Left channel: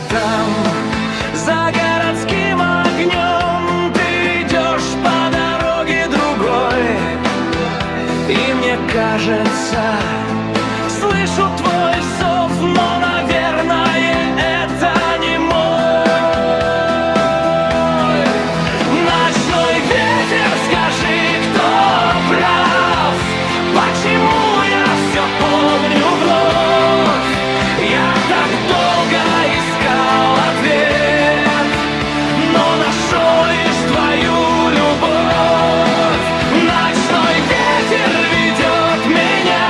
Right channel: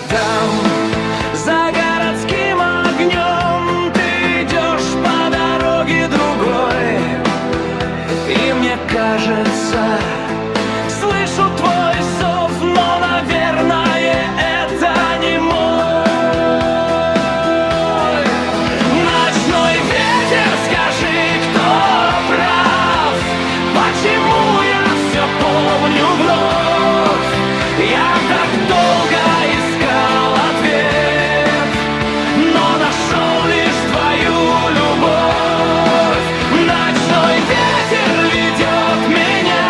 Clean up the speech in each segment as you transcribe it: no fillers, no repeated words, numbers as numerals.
где-то там, за городским огнем. Ты идешь по дороге другой, и мне кажется, слышу твой зов, но, наверное, это не мой. Ночной ветер, скажи, кто прав? Почему я все помню вновь? Я так долго искал ответ, но нашел лишь твою любовь. Ночной ветер ведет меня,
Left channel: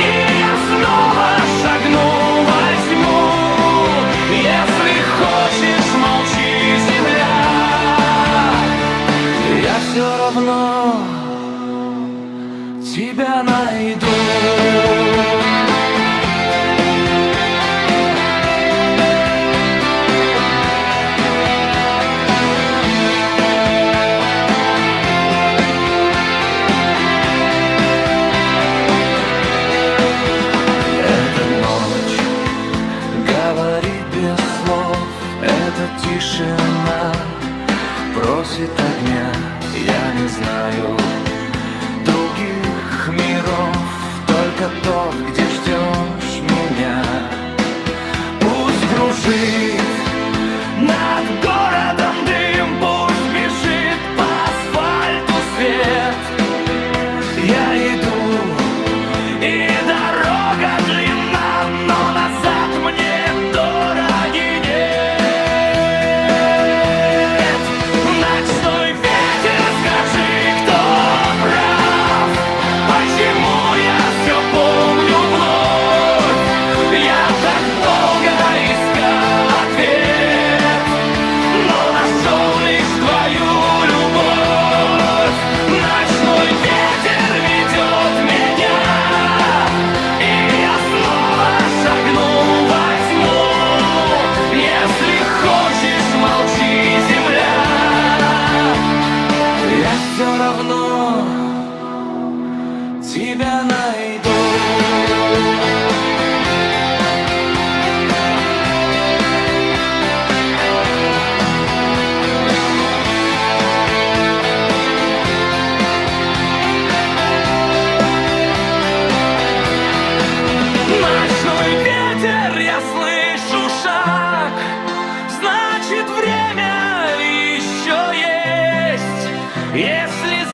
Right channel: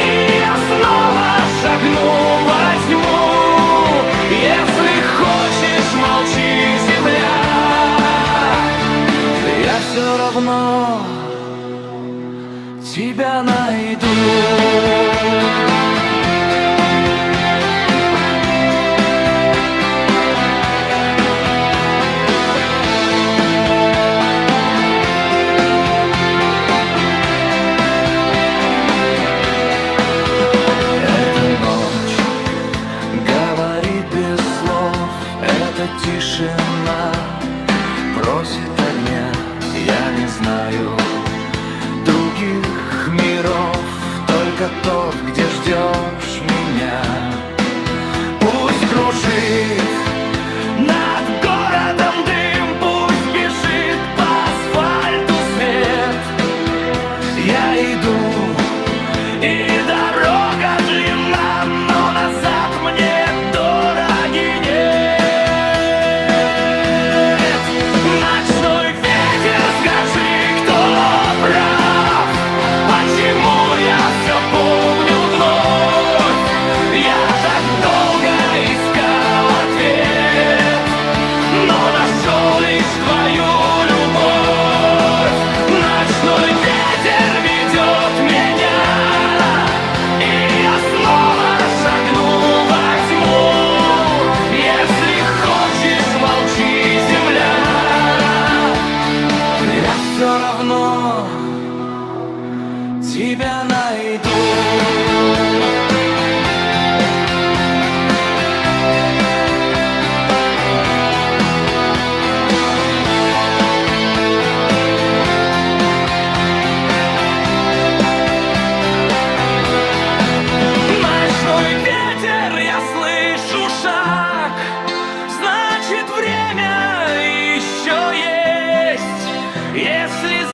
и я снова шагну во тьму. Если хочешь, молчи, земля, я все равно тебя найду. Говорит без слов, эта тишина просит огня. Я не знаю других миров, только тот, где ждешь меня. Пусть кружит над городом дым, пусть бежит по асфальту свет. Я иду, и дорога длинна, но назад мне дороги нет. Ночной ветер, скажи, кто прав? Почему я все помню вновь? Я так долго искал ответ, но нашел лишь твою любовь. Ночной ветер ведет меня, и я снова шагну во тьму. Если хочешь, молчи, земля, я все равно тебя найду. Ночной ветер, я слышу шаг, значит, время еще есть. Если